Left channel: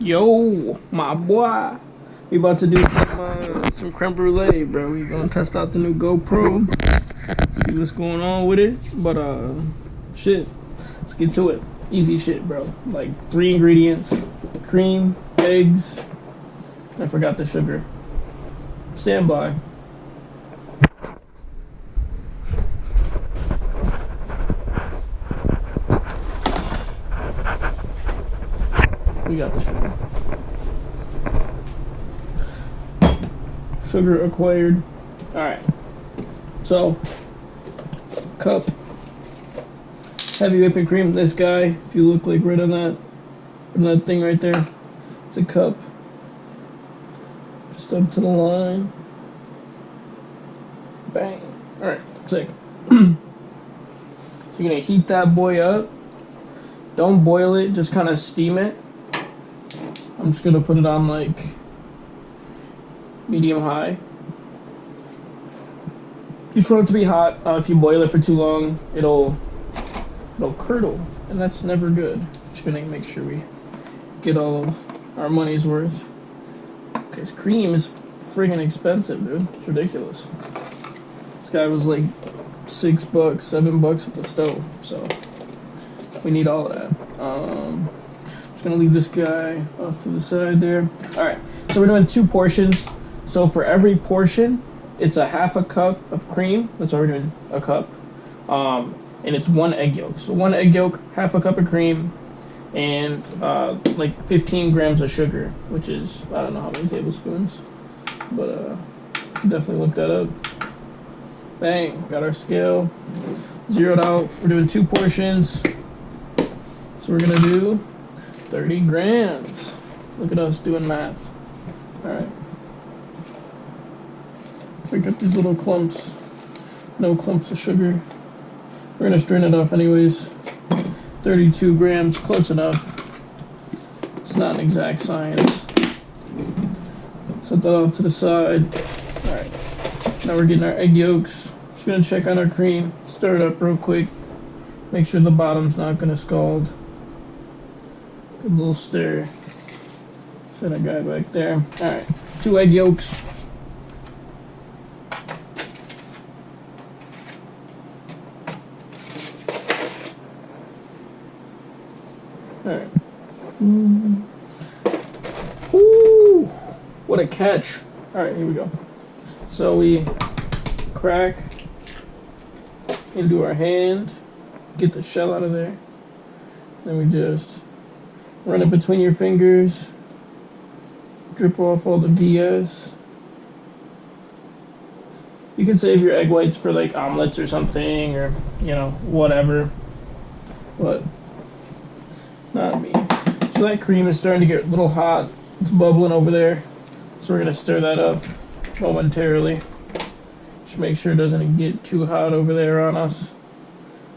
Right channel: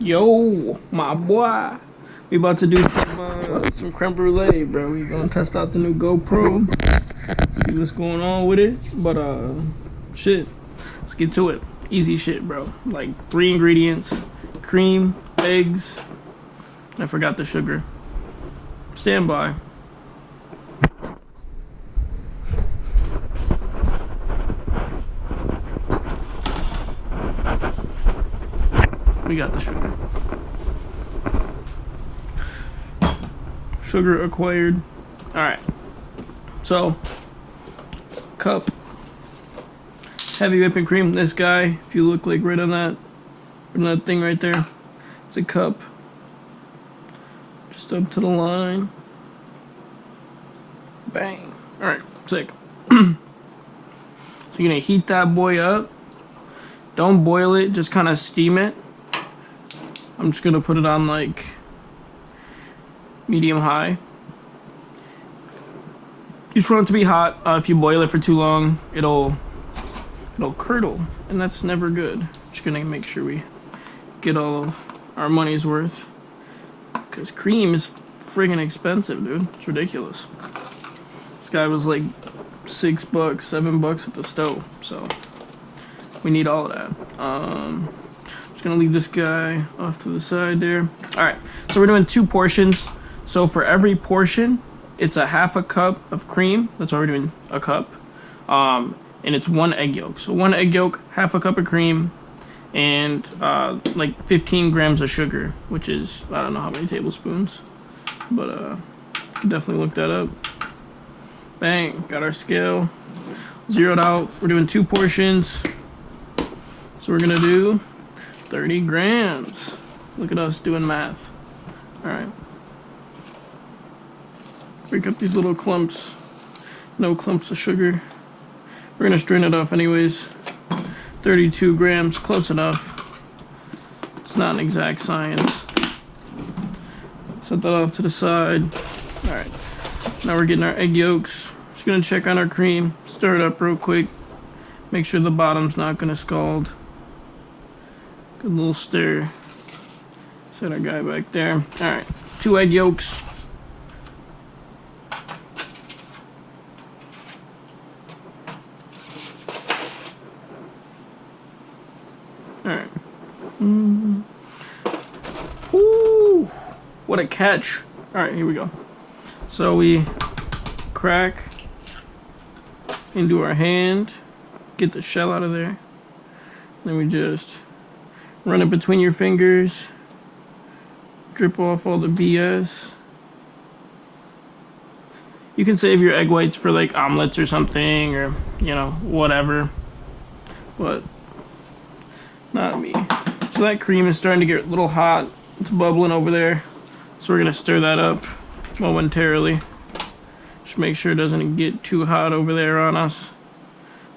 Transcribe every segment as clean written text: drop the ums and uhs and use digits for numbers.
Yo, my boy. We about to do some creme brulee, bro. We gonna test out the new GoPro. See what's going on with it. But shit. Let's get to it. Easy shit, bro. Like 3 ingredients: cream, eggs. I forgot the sugar. Stand by. We got the sugar. Sugar acquired. Alright. So, cup. Heavy whipping cream. This guy, if you look like right on that thing right there, it's a cup. Just up to the line. Bang. Alright, sick. So you're gonna heat that boy up. Don't boil it, just kind of steam it. I'm just gonna put it on like medium high. You just want it to be hot. If you boil it for too long, it'll curdle, and that's never good. Just gonna make sure we get all of our money's worth, because cream is friggin' expensive, dude. It's ridiculous. This guy was like $6, $7 at the stove, so we need all of that. Just gonna leave this guy off to the side there. All right, so we're doing 2 portions. So for every portion, it's a half a cup of cream. That's why we're doing a cup. And it's 1 egg yolk. So 1 egg yolk, half a cup of cream, and like 15 grams of sugar, which is, I don't know how many tablespoons, but definitely look that up. Bang, got our scale zeroed out. We're doing 2 portions. So we're gonna do 30 grams. Look at us doing math. All right. Break up these little clumps. No clumps of sugar. We're gonna strain it off anyways. 32 grams, close enough. It's not an exact science. Set that off to the side. All right. Now we're getting our egg yolks. Just gonna check on our cream. Stir it up real quick. Make sure the bottom's not gonna scald. Good little stir. Set our guy back there. All right, 2 egg yolks. All right. Ooh, what a catch. All right, here we go. So we crack into our hand, get the shell out of there. Then we just run it between your fingers, drip off all the BS. You can save your egg whites for like omelets or something, or you know, whatever, but not me. So that cream is starting to get a little hot. It's bubbling over there, so we're gonna stir that up momentarily. Just make sure it doesn't get too hot over there on us,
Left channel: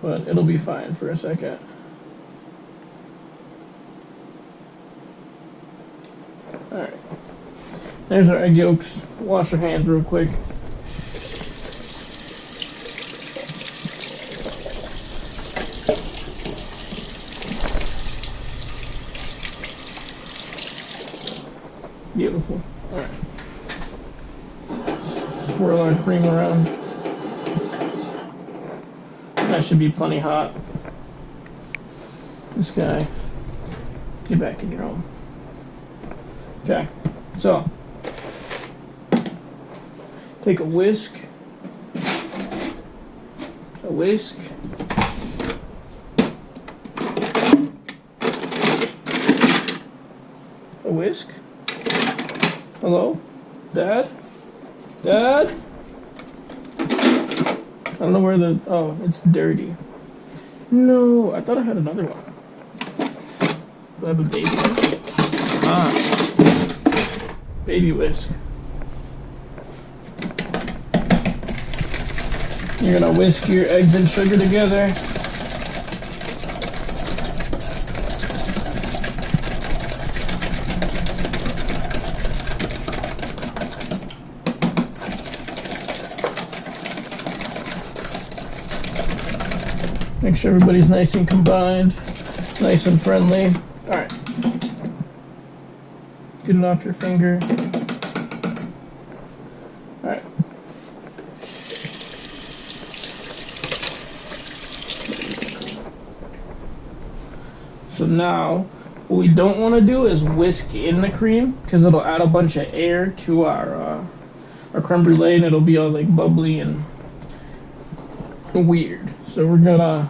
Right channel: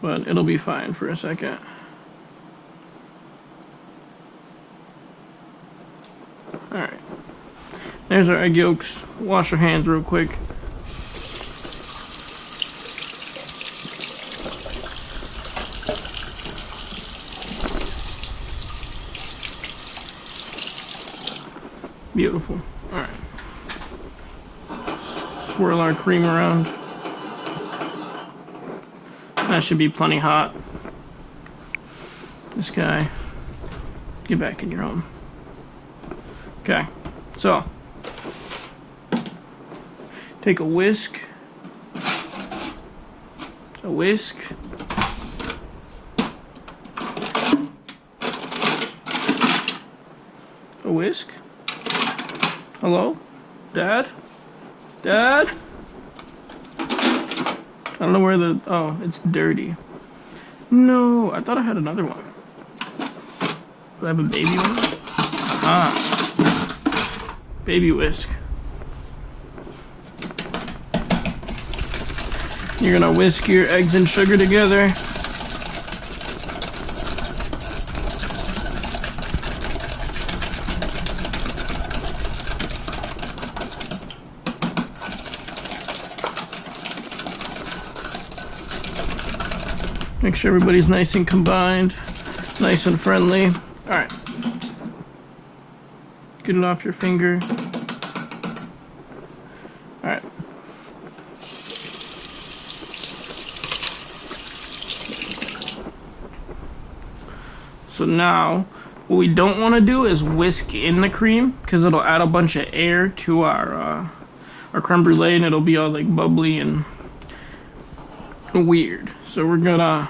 but it'll be fine for a second. Alright, there's our egg yolks. Wash your hands real quick. Beautiful. Alright. Swirl our cream around. That should be plenty hot. This guy, get back in your home. Okay, so take a whisk, a whisk. Hello, Dad? Dad? I don't know where oh, it's dirty. No, I thought I had another one. Do I have a baby one? Ah. Baby whisk. You're gonna whisk your eggs and sugar together. Make sure everybody's nice and combined, nice and friendly. All right. get it off your finger. All right. So now, what we don't want to do is whisk in the cream because it'll add a bunch of air to our creme brulee and it'll be all like bubbly and weird. So we're gonna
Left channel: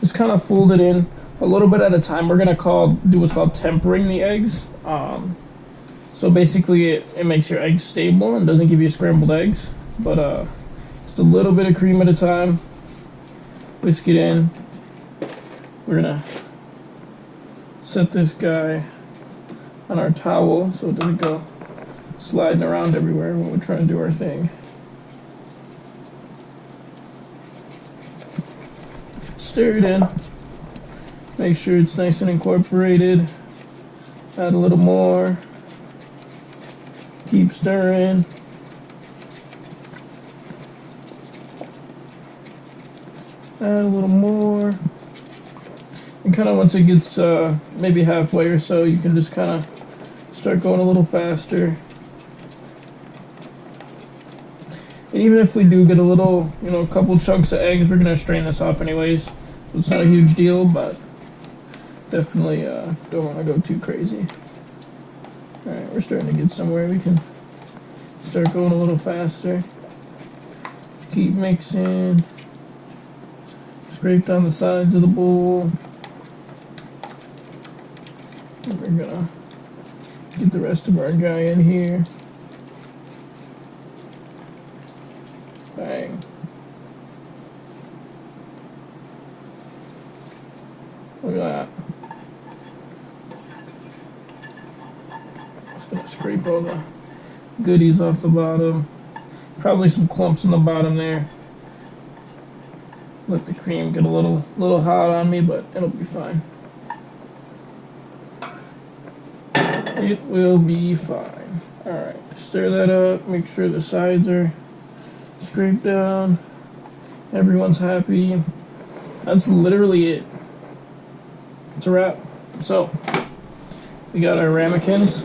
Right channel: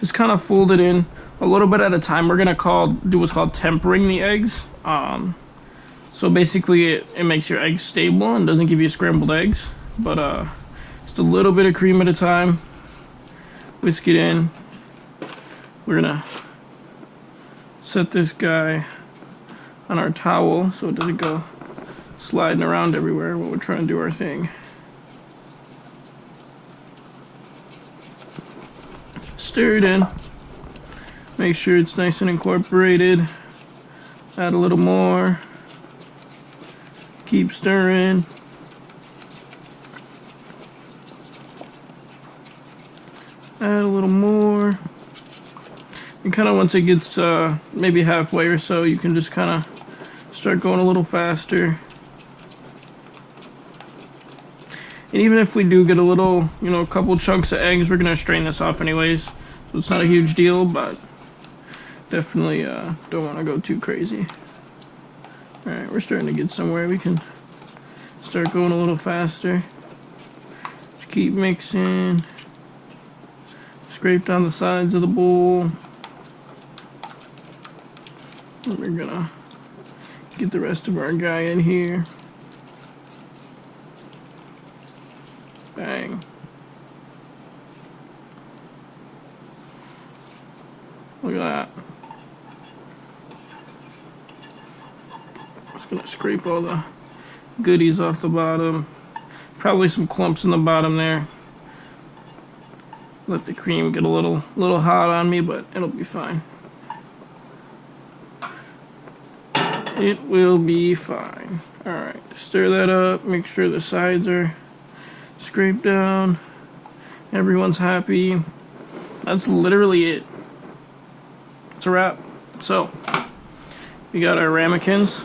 just kind of fold it in a little bit at a time. We're gonna do what's called tempering the eggs. So basically, it makes your eggs stable and doesn't give you scrambled eggs. But just a little bit of cream at a time. Whisk it in. We're gonna set this guy on our towel so it doesn't go sliding around everywhere when we're trying to do our thing. Stir it in. Make sure it's nice and incorporated. Add a little more. Keep stirring. Add a little more. And kind of once it gets maybe halfway or so, you can just kind of start going a little faster. And even if we do get a little, a couple chunks of eggs, we're going to strain this off anyways. So it's not a huge deal, but definitely don't want to go too crazy. Alright, we're starting to get somewhere. We can start going a little faster. Just keep mixing. Scrape down the sides of the bowl. And we're gonna get the rest of our guy in here. Bang. Look at that. Just gonna scrape all the goodies off the bottom. Probably some clumps in the bottom there. Let the cream get a little hot on me, but it'll be fine. It will be fine. Alright, stir that up. Make sure the sides are scraped down. Everyone's happy. That's literally it. It's a wrap. So, we got our ramekins.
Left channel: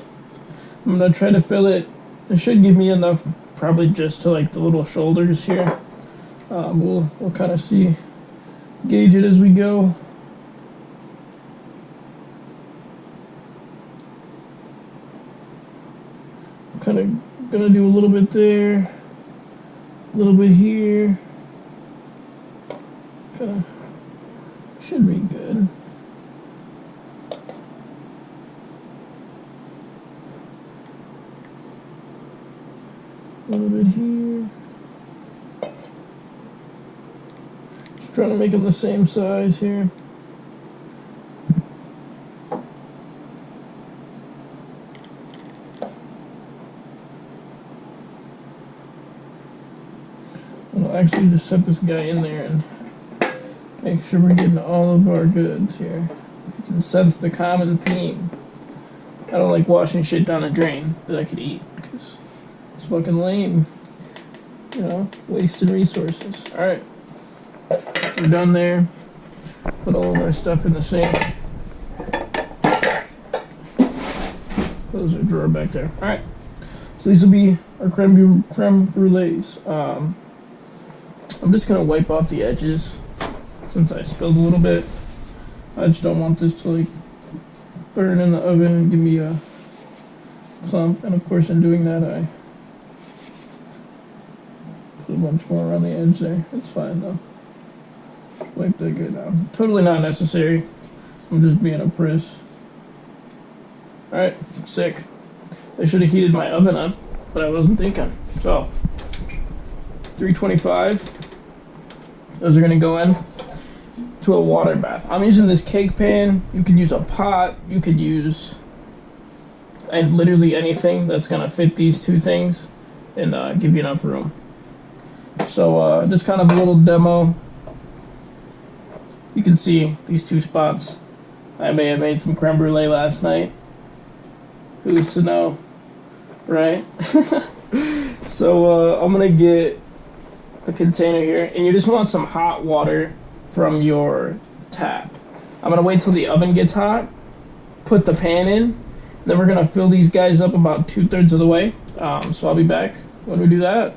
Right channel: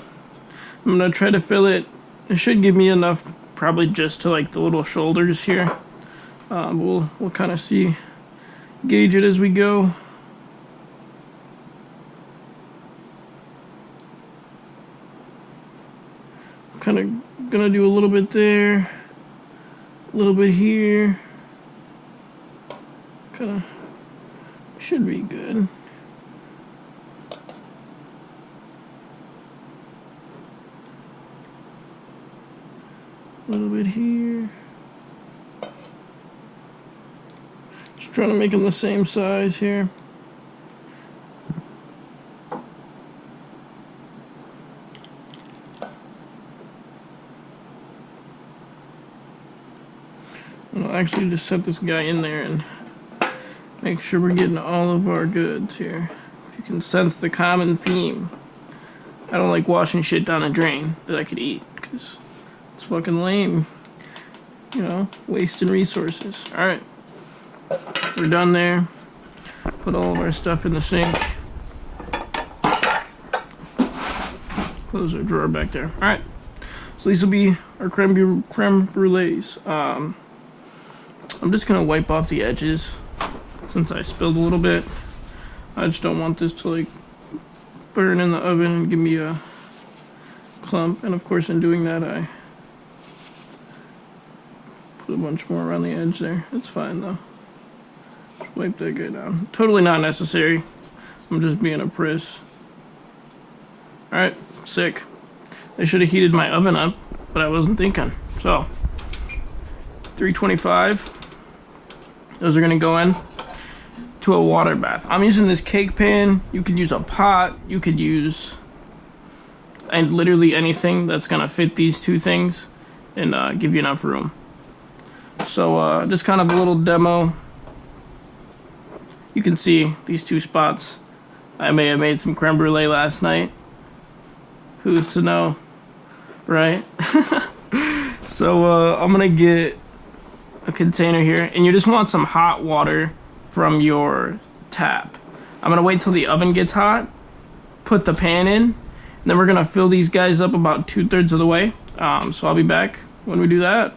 I'm going to try to fill it. It should give me enough, probably just to like the little shoulders here. We'll kind of see, gauge it as we go. Kind of gonna do a little bit there, a little bit here. Kind of should be good. A little bit here. Just trying to make them the same size here. I'll actually just set this guy in there and make sure we're getting all of our goods here. If you can sense the common theme. I don't like washing shit down a drain that I could eat, because it's fucking lame. Wasting resources. Alright. We're done there. Put all of our stuff in the sink. Close our drawer back there. Alright. So these will be our creme brulees. I'm just gonna wipe off the edges since I spilled a little bit. I just don't want this to like burn in the oven and give me a clump. And of course, in doing that, I put a bunch more around the edge there. It's fine though. Just wipe that guy down. Totally not necessary. I'm just being a priss. Alright, sick. I should have heated my oven up, but I wasn't thinking. So, 325. Those are going to go in to a water bath. I'm using this cake pan. You could use a pot. You could use literally anything that's going to fit these two things and give you enough room. So just kind of a little demo. You can see these two spots. I may have made some creme brulee last night. Who's to know, right? So I'm going to get a container here, and you just want some hot water from your tap. I'm gonna wait till the oven gets hot, put the pan in, Then we're gonna fill these guys up about 2/3 of the way. So I'll be back when we do that.